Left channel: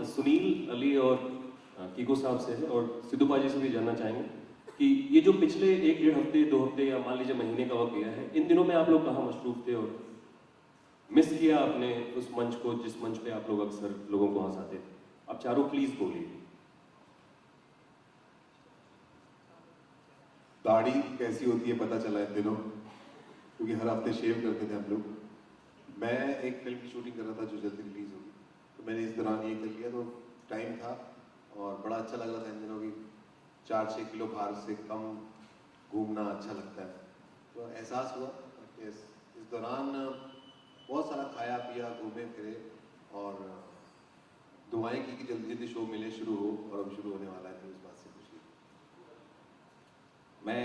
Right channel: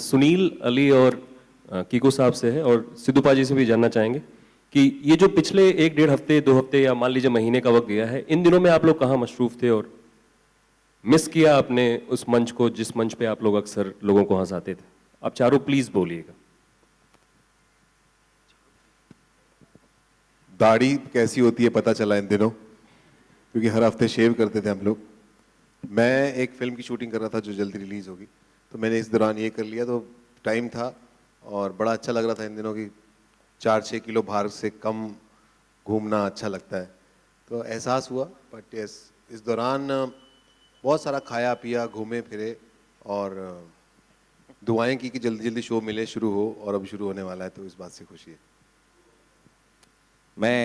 सुनील अली और कीको साहब से है और सिद्धूपा जी से भी जानना चाहेंगे कि ये जो पिछले 1-1.5 हफ्ते 2 हफ्ते या मान लीजिए महीने का वक्त गया है, इन दिनों में आप लोग कहाँ मशरूफ थे और मिस किया आपने उस मंच को जिस मंच पे आप लोग अक्सर लोगों को हंसाते थे? आप चारों प्लीज बोलिएगा। दाढ़ी कैसी होती है पता चला इन दिनों, क्योंकि हर हफ्ते शेव करते थे हम लोग। मैं एक फिल्म की शूटिंग कर रहा था जो जल्दी रिलीज होगी, तो मैंने इस दौरान ये कर लिया, तो टाइम था और बड़ा अच्छा लग रहा था इन दिनों की 4-6 किलो भार से कम घूमना अच्छा लगता है, तो एहसास हुआ। बट यस, इस दौरान बहुत सारा खाया पिया, घूमे फिरे और दुआएं की कि जल्दी जल्दी शो मिले, शुरू हो, और अब शुरू होने वाला है, तो इस बात से खुशी है। मैं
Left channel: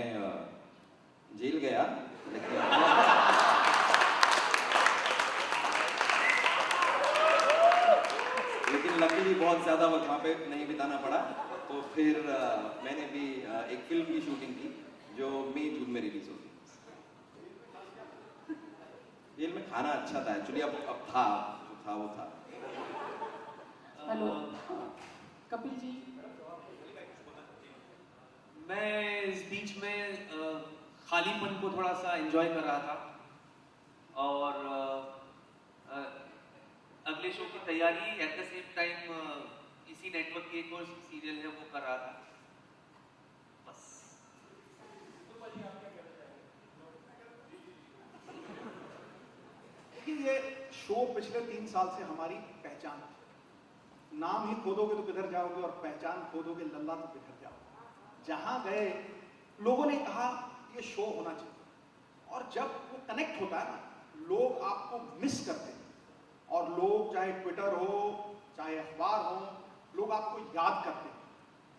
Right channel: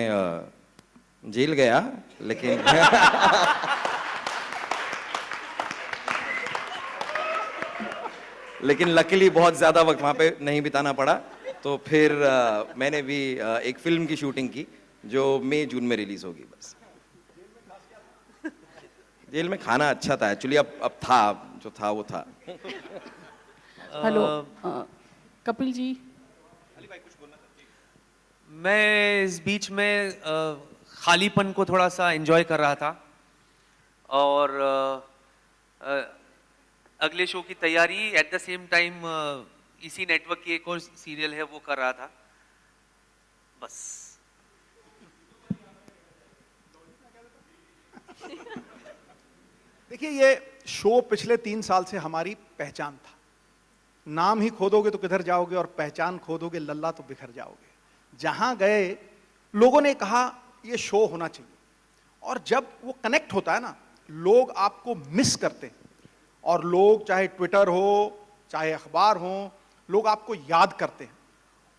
जेल गया लेकिन लेकिन लकीली बहुत ज़्यादा वक्त वहाँ पे नहीं बिताना पड़ा, तो फिर मैंने भी एक फिल्म की शूटिंग की जो मई जून में रिलीज होगी। बस जेल में खाना अच्छा था एक्चुअली, अब था जो था वो था। हेलो कपिल जी, मैं इस बीच में खालीपन को थोड़ा सा एंजॉय कर रहा था और अगले शो की तैयारी एट द सेम टाइम इसी नेटवर्क की एक और सीरियल है वो कर रहा था बस। देखिए, ये शो पिछले 3 साल से हमारी पहचान था। नाम ही खोदोगे तो किधर जाओगे और पहचान खोदोगे लल्ला तो बिखर जाओगे। जहां गए लोगों ने कहा ये शो होना चाहिए, और जब वो कनेक्ट होता है ना, लोग आपको मिस करते हैं, और लोग चाहे ट्विटर हो चाहे अखबार हो, लोग आपको याद करते हैं।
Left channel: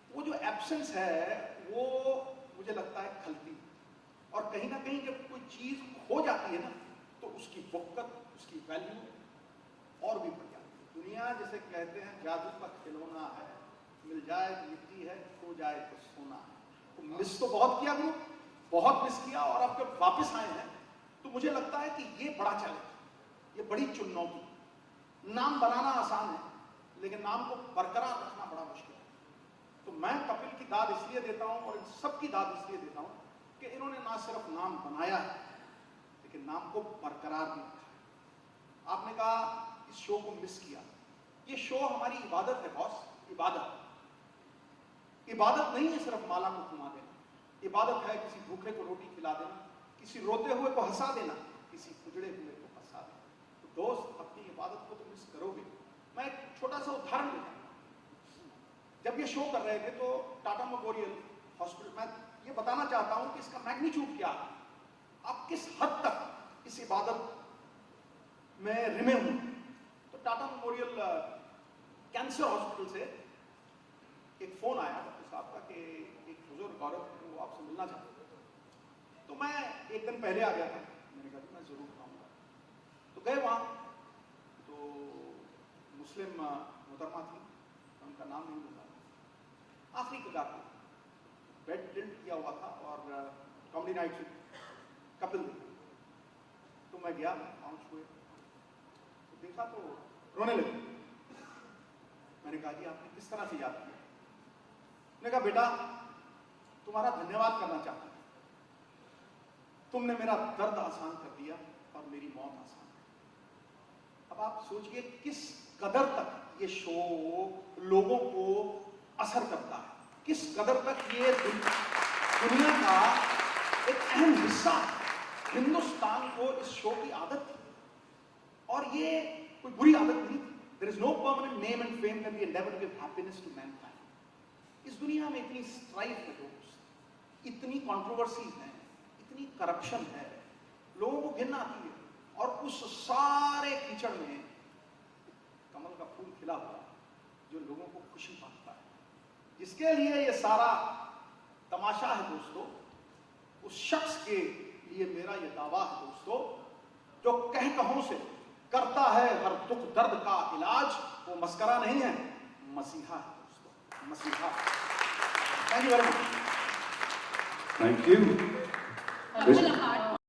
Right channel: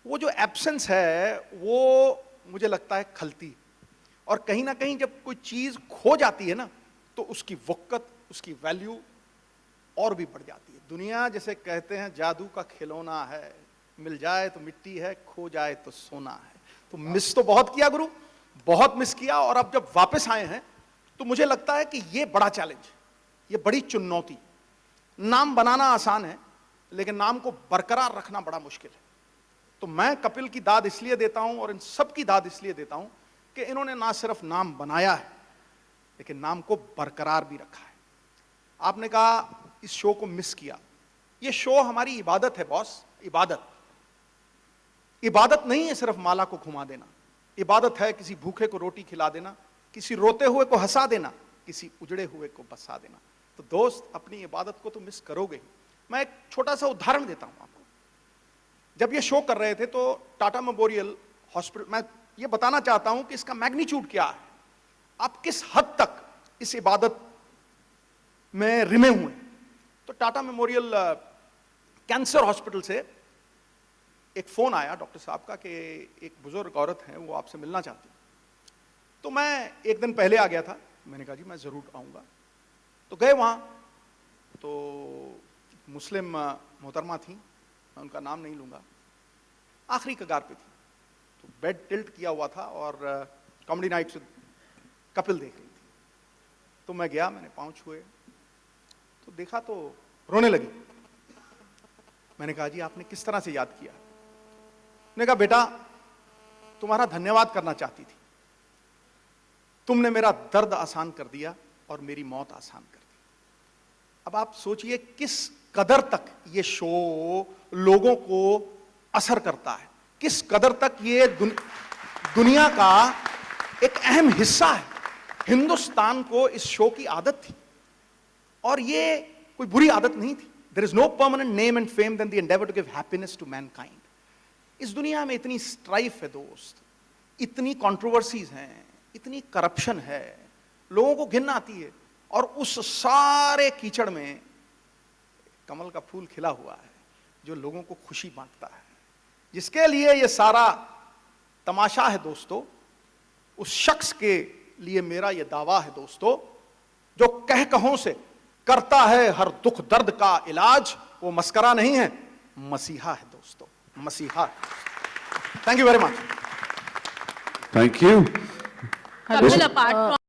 वो जो एब्सेंस है वो मुझे लगता है खलती, और कहीं ना कहीं जब कोई चीज़ खो जाती है ना, तो उसकी वक़्त, उसकी वैल्यू और भी बढ़ जाती है। दुनिया जैसे कहते हैं जादू का खिलौना है, मिल जाए तो मिट्टी है, खो जाए तो सोना है। तो मिस तो बहुत किया गुरु, बहुत मिस किया, और अब जब वापस आए हैं तो मुझे लगता है कि ये बड़ा चैलेंज, ये बड़ी चुनौती। नाम बनाना आसान है, लेकिन नाम को बरकरार रखना बड़ा मुश्किल है। तो मैं कपिल की दाद इसलिए देता हूं और इन सब की दाद इसलिए देता हूं कि इन्होंने ना सिर्फ नाम बनाया है, लेकिन नाम को बरकरार भी रखा है। आपने कहा इस शो को मिस किया। ये शो हमारी इबादत है बॉस, इबादत। इबादत नहीं है सिर्फ माला को घुमा देना, इबादत है किसी भूखे को रोटी खिला देना, किसी रोते हुए को हंसा देना, किसी उजड़े हुए को बसा देना। तो दोस्त, अपनी इबादत को तो मिस करोगे। मैं एक छोटा सा उदाहरण देता हूं। जब ये शो कर रहे थे तो टाटा मेमोरियल हॉस्पिटल, मैं ये बताना चाहता हूं कि इसका मैग्नीट्यूड क्या है, आप किस हद तक इस इबादत में रिमे हुए। तो टाटा मेमोरियल कैंसर हॉस्पिटल से एक फोन आया डॉक्टर साहब का कि एक बुजुर्ग औरत है, वो आपसे मिलना चाहती है। तो मैं एक दिन पहले आ गया था, मैंने कहा जी मैं जरूर आऊंगा। तो गए वहां, तो मुस्लिम मोहतरमा थी, मैं उनका नाम नहीं लूंगा, आखिरी कगार पे थी। तो बेड टिल्ट किया हुआ था और कॉमेडी नाइट से कपिल देख रही थी। तो मैं गया, मैंने पाँव छुए, तो देखा तो रोने लगी। मैंने कहा जी आपने किस तरह से याद किया? उसने कहा बेटा तुम्हारा धन्यवाद करना चाहती थी, तुमने मेरा दर्द आसान कर दिया और मेरी मौत आसान कर दी। अब आप सोचिए किस कदर तक ये शो लोगों को असर करता है, किस कदर तक ये दुनिया का एक अहम हिस्सा है। हिंदुस्तान को इस शो की आदत थी, और ये कोई बुरी आदत नहीं थी। There is no permanent name and fame than the endeavor to give happiness to mankind. इस दुनिया में इतनी स्ट्राइफ है दोस्त, इतनी कंट्रोवर्सीज हैं, इतनी करप्शन है, लोगों को घिन आती है, और उस सारे कीचड़ में कमल का फूल खिला हुआ है जो लोगों को खुशी बांटता है। जिसके लिए ये सारा तमाशा है दोस्तों, उस शख्स के लिए मेरा ये दावा है दोस्तों, जो कह कहों से करता है हर दुख दर्द का इलाज। वो मस्करा नहीं है, मसीहा है दोस्तों, मसीहा। Thank you very much. Thank you. Kapil apart